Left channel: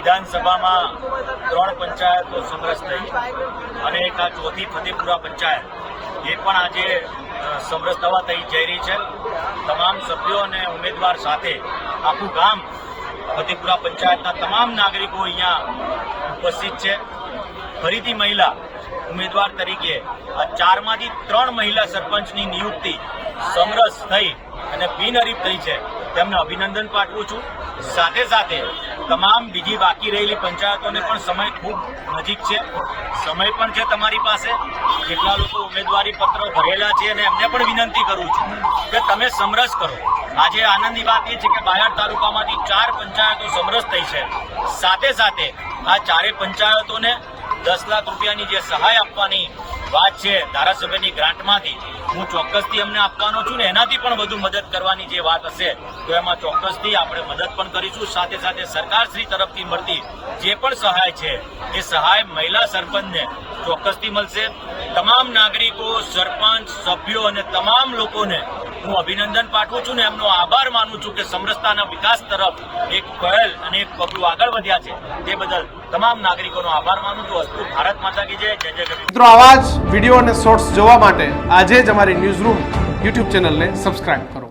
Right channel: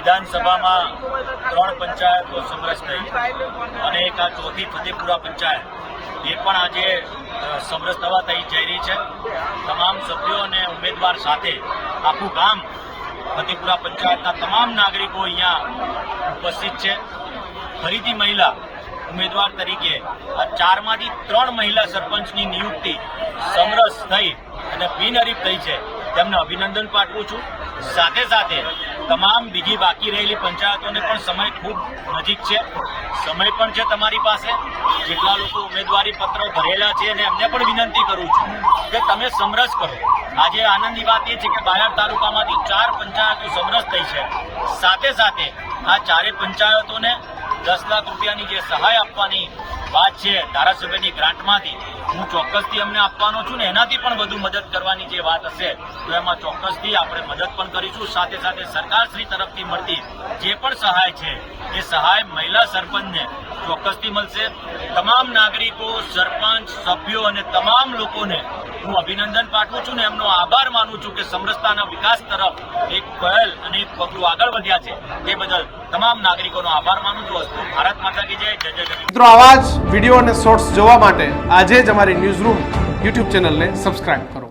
વિધાનસભામાં ત્રણ પંચાયતો સમરસ થઈ અને એક આ ચોથી ફતેપુરા પંચાયત. એ પણ આજે સમરસ થવા થઈ જઈ રહી છે. તમામ સભ્યો અને ઉમેદવાર સાથે આખું ગામ ફતેપુરા પંચાયતના તમામ નાગરિકો અહીંયા ઉપસ્થિત છે. ફરીથી મહિલા ઉમેદવાર તરીકે આ ચારમાંથી ત્રણ મહિલા સરપંચની નિયુક્તિ સમરસ થઈ અને બિનહરીફ થઈ છે. તેમને અભિનંદન પાઠવું છું. સાથે સાથે તમામ બીજી બાકી રહેલી પંચાયતોને પણ સમય ખૂબ નજીક છે. સમય પણ છે તમારી પાસે. જેટલા લોકો ઉમેદવારી પત્રો ભરેલા છે અને એમને પણ વિનંતી કરું છું કે તમે સમરસ કરો. આજે આનંદની વાત એ છે કે બાયડ તાલુકામાંથી ચાર પંચાયતો સમરસ થઈ છે. સાથે સાથે આ ચારે પંચાયતોને દસ લાખ રૂપિયાની જે સહાય આપવાની વાત છે ધારાસભ્યની ગ્રાન્ટમાંથી, હું ચોક્કસથી અમને આપવાનો છું ને એનાથી પણ વધુ મદદ કરવાની જે વાત હશે, તો એમાં ચોક્કસથી આપણે મદદ પણ કરીશું. સાથે સાથે સરકારશ્રી તરફથી મળતી જે પણ સહાય છે, એ સહાય મહિલા સરપંચને ચોક્કસથી મળશે. તમામ નાગરિકો, સરપંચ, સભ્યો અને તમામ લોકોને હું અભિનંદન પાઠવું છું ને એમનો આભાર માનું છું કે સમરસતાના વિકાસ તરફ એક પહેલ અને એક પગલું આગળ વધ્યા છે. તે બદલ તમામ નાગરિકોનો આભાર માનું છું. અસ્તુ ભારત માતા કી જય. જય જય મિત્રો, આવા જ વીડિયો અને શોર્ટ્સ જોવા માટે આજે જ અમારી ન્યૂઝ રૂમ યુટ્યુબ ચેનલને સબસ્ક્રાઇબ કરો.